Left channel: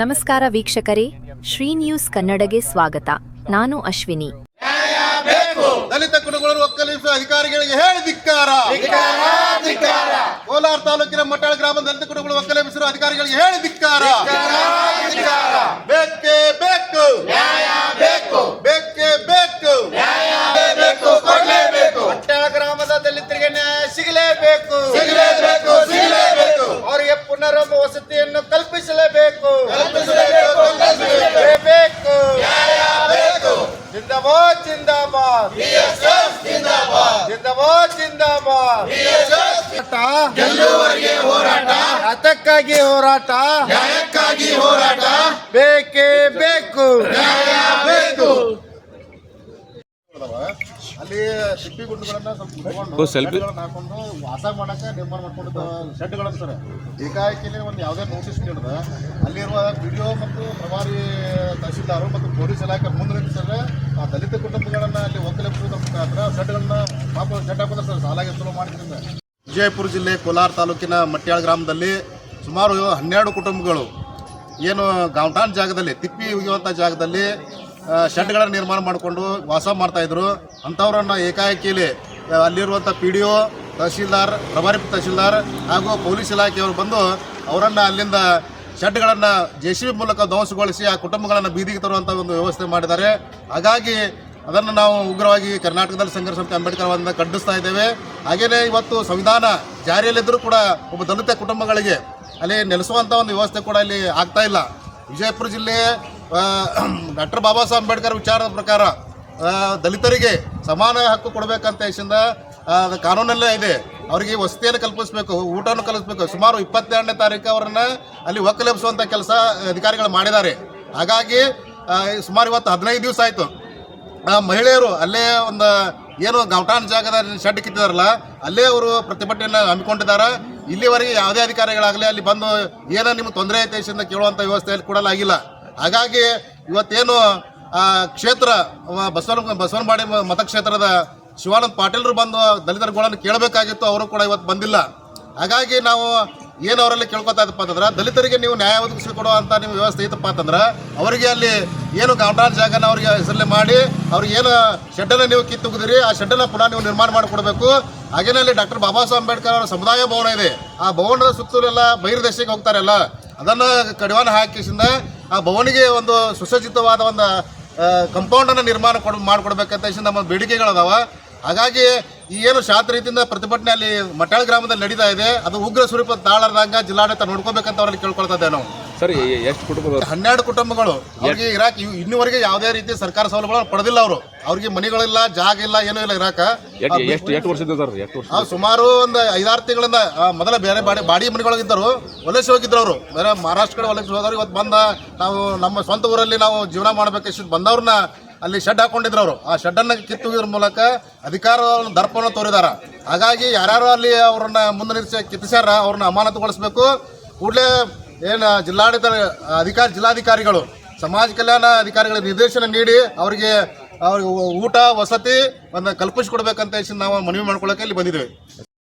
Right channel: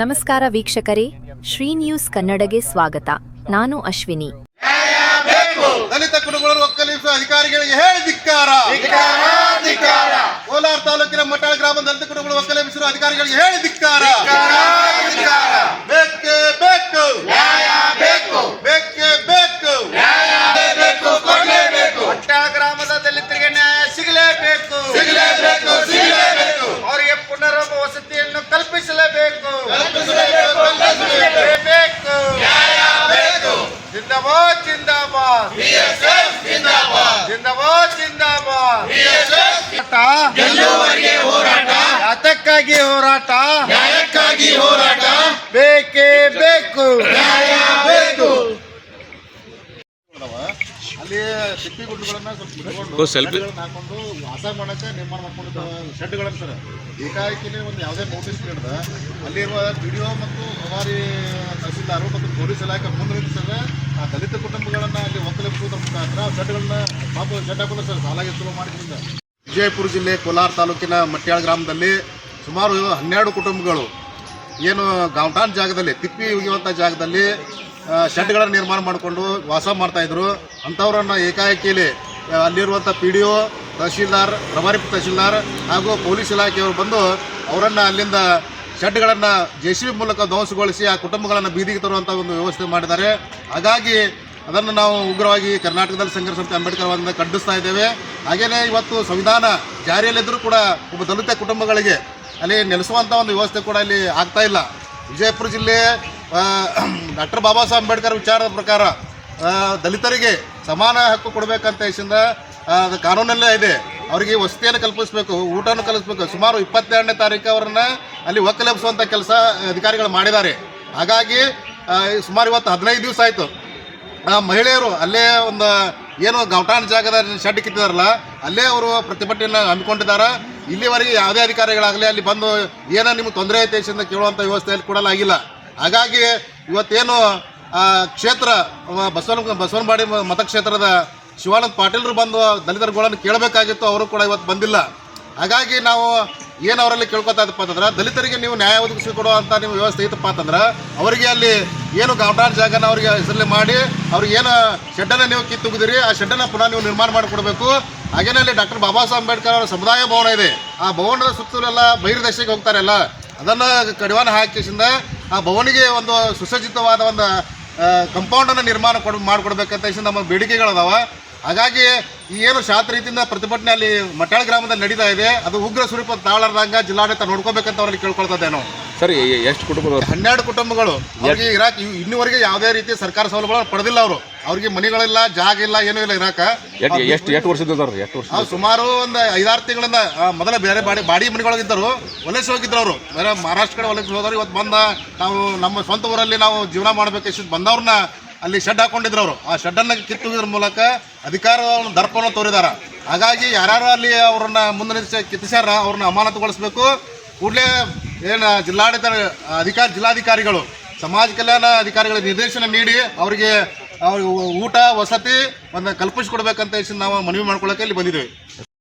ನಮಸ್ಕಾರ ವೀಕ್ಷಕರೇ, ಶ್ರೀ ನ್ಯೂಸ್ ಕನ್ನಡಗೆ ಸ್ವಾಗತ. ನಾನು ಅಶ್ವಿನಿ. ದಲಿತ ಕುಟುಂಬಗಳನ್ನು ಒಕ್ಕಲಿಸುವ ಅಧಿಕಾರಿಗಳಿಗೆ ಹೇಳಿ ಧಿಕ್ಕಾರ. ಕೋಲಾರ ತಾಲೂಕಿನ ಮಟ್ಟಾಳ ಗ್ರಾಮದ ದಲಿತ ಕುಟುಂಬಗಳನ್ನು ಒಕ್ಕಲಿಸುವ ಅಧಿಕಾರಿಗಳಿಗೆ ಹೇಳಿ ಧಿಕ್ಕಾರ. ಬೇಕೇ ಬೇಕು, ಬೇಕೇ ಬೇಕು, ಮಟ್ಟಾಳ ಗ್ರಾಮದ ದಲಿತರಿಗೆ ನ್ಯಾಯ ಸಿಗಲೇಬೇಕು, ಅವರಿಗೆ ಪುನರ್ವಸತಿ ವಸತಿಯನ್ನು ಕಲ್ಪಿಸಲೇಬೇಕು. ಜಿಂದಾಬಾದ್ ಜಿಂದಾಬಾದ್ ಜಿಂದಾಬಾದ್ ಜಿಂದಾಬಾದ್. ಅದಕ್ಕಾಗಿ ಹೋರಾಟ, ನ್ಯಾಯಕ್ಕಾಗಿ ಹೋರಾಟ, ಬೇಕೇ ಬೇಕು, ನ್ಯಾಯ ಬೇಕು. ಅಲ್ಲಿ ಸಿಪ್ಪಿ ಗುಡ್ಡಗಳನ್ನ ಸ್ವಲ್ಪ ಹಾಕೊಂಡು ವಾಸ ಮಾಡಕ್ಕೆ ನಿರ್ಮಾಣ ಮಾಡ್ಕೊಂಡಿದ್ದ ಶೆಡ್ಗಳನ್ನು ಸರ್ ಏಕಾಏಕಿನೇ ಒಂದು ಯಾವುದೇ ನೋಟಿಸ್ ನೀಡಿದ ಅಲ್ಲಿರುವ ವಿಡಿಯೋ ಮತ್ತು ಪ್ರಭಾರಿ ತಹಸೀಲ್ದಾರು ಮತ್ತು ಪೊಲೀಸ್ ಇಲಾಖೆ ಮುಂದೆ ನಿಲ್ಲಿಸಿದ್ರೆ ಆ ದಲಿತ ಕುಟುಂಬಗಳನ್ನು ಅಲ್ಲಿ ಒಕ್ಕಲೆಬ್ಬಿಸುವುದರ ಮುಖಾಂತರ ಶೆಡ್ಗಳನ್ನ ಪಾಪ ಶೆಡ್ ಹಾಕಿದ್ರೆ ಸರ್ ಸಾಲಾಗಿ ಸುಲಭ ಮಾಡಿದ್ರಿಂದ. ವಿಜಯಪುರ ಜಿಲ್ಲೆ ಕೋಲಾರ ತಾಲೂಕಿನ ಮಟ್ಯಾಳ ಗ್ರಾಮದಲ್ಲಿ ಸುಮಾರು 12 ಕುಟುಂಬಗಳು ಏನು ಗಾಂವ್ಟಾನ್ ಜಾಗದಲ್ಲಿ ತಿಪ್ಪಿ ಉಗಿಯುವಂಥ ಜಾಗದಲ್ಲಿ ಶೆಡ್ಗಳನ್ನು ನಿರ್ಮಾಣ ಮಾಡಿಕೊಂಡು ವಾಸ ಮಾಡ್ತಾಯಿದ್ರು. ಅಂಥವ್ರನ್ನ ಏಕಾಏಕಿಲಿ ಅಲ್ಲಿರುವಂಥ PDO, ತಹಶೀಲ್ದಾರ್, ಪ್ರಭಾರಿ ತಹಶೀಲ್ದಾರ್ ಹಾಗೂ ಪೊಲೀಸ್ ಇಲಾಖೆಯವರು ಬಂದು ಅವರನ್ನು ಅಲ್ಲಿಂದ ಶೆಡ್ಗಳನ್ನು JCB ಮೂಲಕ ಧ್ವಂಸಗೊಳಿಸಿ ಆ ಕುಟುಂಬಗಳನ್ನು ಬೀದಿಗೆ ತರುವಂಥ ಒಂದು ವ್ಯವಸ್ಥೆ ಮಾಡಿದ್ದಾರೆ. ಹಾಗಾಗಿ ಅದನ್ನು ನಾವು ಉಗ್ರವಾಗಿ ಕರ್ನಾಟಕದಲ್ಲಿ ಸಂಘರ್ಷ ಸಮಿತಿ ಅಂಬೇಡ್ಕರ್ ಅವರಿಂದ ಖಂಡಿಸ್ತಾ ಇದ್ದೇವೆ. ಹಾಗೆಯೇ ಇವತ್ತು ಸಂವಿಧಾನ ಜಾರಿಯಲ್ಲಿದ್ದರೂ ಕೂಡ ಒಬ್ಬ ದಲಿತ ಕುಟುಂಬಗಳಿಗೆ ಅಲ್ಲಿ ನೆಲೆಸುವಂಥ ಒಂದು ವ್ಯವಸ್ಥೆ ಕೂಡ ಇಲ್ಲಿ ಆಗ್ತಾ ಇಲ್ಲ. ವಿಜಯಪುರ ಜಿಲ್ಲೆ ಡಾಕ್ಟರ್ ಬಾಬಾ ಸಾಹೇಬ್ ಅಂಬೇಡ್ಕರ್ ವಿಚಾರದ ಪ್ರಕಾರ ದಲಿತರಿಗೆ ಸಮಾನ ಹಕ್ಕು ಕೊಡಬೇಕಂತ ಹೆಸರಿಂದ ಅದು ಕಾನೂನಲ್ಲೇ ಇದೆ. ಅವರಿಗೆ ವಸತಿಯನ್ನು ಕಲ್ಪಿಸಬೇಕು, ಊಟವನ್ನು ಕಲಿಸಬೇಕು. ಸುಮಾರು 22ನೇ ತಾರೀಕು ಅವರನ್ನು ಅಲ್ಲಿ ಒಕ್ಕಲೆಬ್ಬಿಸುವಂಥ ಕೆಲಸ ಅಧಿಕಾರಿಗಳು ಮಾಡಿದ್ದಾರೆ. ಹಾಗಾಗಿ ಸುಮಾರು ಇವತ್ತು 15 ದಿವಸ ಆಯಿತು. ಮಹಿಳೆಯರು ಅಲ್ಲೇ ಒಂದು ಏನು ಗಾಂವ್ಟಾನ್ ಜಾಗದ ಶೆಡ್ ಕಿತ್ತಿದಾರಲ್ಲ ಅಲ್ಲೇ ಅವರು ಪ್ರತಿಭಟನೆಯನ್ನು ಹಮ್ಮಿಕೊಂಡಿದ್ದಾರೆ. ಇಲ್ಲಿವರೆಗೆ ಯಾವುದೇ ಅಧಿಕಾರಿಗಳಾಗಲಿ ಅಲ್ಲಿ ಬಂದು ಏನೋ ನಿಮ್ಗೆ ತೊಂದರೆ ಐತೆ ಅಂತ ಕೇಳುವಂಥ ವ್ಯವಸ್ಥೆಯಲ್ಲಿ ಕೊಡಲಾಗಿಲ್ಲ. ಹಾಗಾಗಿ ಇವತ್ತೇನು ಕ್ಷೇತ್ರ ಬಸವನಬಾಡಿ ಮತಕ್ಷೇತ್ರದ ಶಿವಾನಂದ ಪಾಟೀಲ್ರು ಬಂದು ದಲಿತರುಗಳನ್ನು ಕೇಳಬೇಕಾಗಿತ್ತು, ಅವರು ಕೂಡ ಇವತ್ತು ಬಂದಿಲ್ಲ. ಹಾಗಾಗಿ ನಾವು ಏನು ಅವರಲ್ಲಿ ಕೇಳ್ಕೊತಾ ಇದ್ದಪ್ಪ ಅಂತಂದ್ರೆ ದಲಿತರಿಗೆ ನೀವು ನ್ಯಾಯ ಒದಗಿಸಿಕೊಡುವಂಥ ನಿಮ್ಮ ವ್ಯವಸ್ಥೆ ಇತ್ತಪ್ಪ ಅಂತಂದ್ರೆ ಅವರಿಗೆ ಅಲ್ಲಿ ಏನು ಗಾಂವ್ಟಾನ್ ಜಾಗನ ಅವರಿಗೆ ಹೆಸರಲ್ಲಿ ಮಾಡಿ ಅವ್ರಿಗೆ ಏನು ಶೆಡ್ಡನ್ನು ನೀವು ಕಿತ್ತುಗಿದಿರಿ ಆ ಶೆಡ್ಡನ್ನು ಪುನಃ ನೀವು ನಿರ್ಮಾಣ ಮಾಡಿಕೊಡ್ಬೇಕು. ಹಾಗೇನೇ ಅಲ್ಲಿ ಡಾಕ್ಟರ್ ಬಾಬಾ ಸಾಹೇಬ್ ಅಂಬೇಡ್ಕರ್ ಅವರ ಸಮುದಾಯ ಭವನ ಇದೆ. ಆ ಭವನದ ಸುತ್ತಲೆಲ್ಲ ಬಹಿರ್ದೇಶಕ್ಕೆ ಹೋಗ್ತಾರಲ್ಲ ಅದನ್ನು ಕಡಿವಾಣ ಹಾಕಿಸಿಂದ ಆ ಭವನಿಗೆ ಒಂದು ಸುಸಜ್ಜಿತವಾದ ಒಂದು ಕಂಪೌಂಡನ್ನು ನಿರ್ಮಾಣ ಮಾಡಿಕೊಡ್ಬೇಕಂತ ನಮ್ಮ ಬೇಡಿಕೆಗಳದಾವ. ಹಾಗಾಗಿ ಈ ಏನು ಶಾಂತ ರೀತಿಯಿಂದ ಪ್ರತಿಭಟನೆ ಅಲ್ಲಿ ಮಟ್ಯಾಳ ಗ್ರಾಮದಲ್ಲಿ ನಡೀತಾ ಇದೆ ಅದು ಉಗ್ರ ಸ್ವರೂಪ ತಾಳರ್ದಂಗ ಜಿಲ್ಲಾಡಳಿತ ನೋಡ್ಕೋಬೇಕಂತ ಅವರಲ್ಲಿ ಕೇಳ್ಕೊಳ್ತಾ ಇದ್ದೇವೆ ನಾವು. ಸರ್, ಎಷ್ಟು ಕುಟುಂಬಗಳು? 12 ಕುಟುಂಬಗಳು. ಅವ್ರಿಗೆ ಇರಾಕ್ ಇನ್ನುವರೆಗೆ ಯಾವುದೇ ರೀತಿ ಸರ್ಕಾರ ಸೌಲಭ್ಯಗಳನ್ನು ಪಡೆದಿಲ್ಲ. ಅವ್ರಿಗೆ ಮನೆಗಳಿಲ್ಲ, ಜಾಗ ಇಲ್ಲ, ಏನೂ ಇಲ್ಲ ಇರಾಕ. ಎಷ್ಟು ವರ್ಷದ? ಸುಮಾರು ಒಂದು 5-6 ತಿಂಗಳಿಂದ ಮೊದಲ ಬೇರೆ ಬಾಡಿ ಮನೆಗಳಿದ್ದರು, ವಲಸೆ ಹೋಗಿದ್ರು. ಅವರು ಬೇರೆ ಮಹಾರಾಷ್ಟ್ರ ಕಡೆ ವಲಸೆ ಹೋದವ್ರು. ಇವತ್ತು ಬಂದ ನಾವು ನಮ್ಮ ಸ್ವಂತ ಊರಲ್ಲಿ ನಾವು ಜೀವನ ಮಾಡಬೇಕಿಷ್ಟು ಬಂದವ್ರನ್ನ ಅಲ್ಲಿ ಶೆಡ್ ಹಾಕೊಂಡಿದ್ರು. ಅವರು ಆ ಶೆಡ್ಡನ್ನು ಕಿತ್ತುವುದ್ರ ಮೂಲಕ ಅಧಿಕಾರವನ್ನು ದರ್ಪವನ್ನು ತೋರಿದಾರ. ಹಾಗಾಗಿ ಯಾರ್ಯಾರು ಅಲ್ಲಿ ಅವ್ರನ್ನ ಮುಂದೆ ನಿಲ್ಲಿಸಿ ಕಿತ್ತಿಸ್ಯಾರ ಅವ್ರನ್ನ ಅಮಾನತುಗೊಳಿಸಬೇಕು. ಕೂಡಲೇ ಏನು ಜಿಲ್ಲಾಧಿಕಾರಿಗಳು ಸಮಾಜ ಕಲ್ಯಾಣ ಅಧಿಕಾರಿಗಳ ನಿರ್ದೇಶನ ನೀಡಿ ಅವ್ರಿಗೆ ಊಟ ವಸತಿ ಒಂದು ಕಲ್ಪಿಸಿಕೊಡ್ಬೇಕಂತ ನಾವು ಮನವಿ ಮಾಡ್ಕೊಳ್ಳೋಕೆ ಇಲ್ಲಿ ಬಂದಿದ್ದೇವೆ.